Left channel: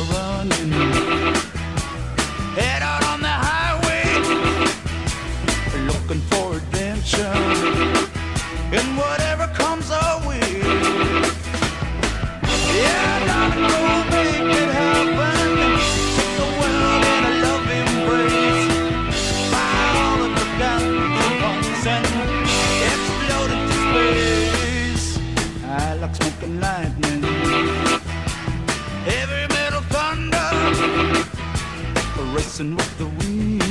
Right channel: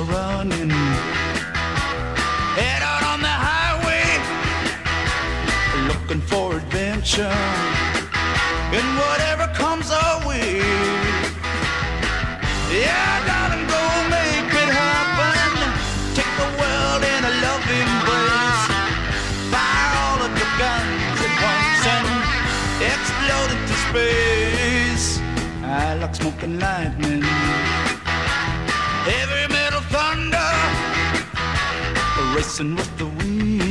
are running. Head out on the highway, looking for adventure, and whatever comes our way. Yeah, darling, go make it happen. Take the world in a loving embrace. Fire all of the guns at once and explode into space. I like smoke and lightning, heavy metal thunder, racing with the wind.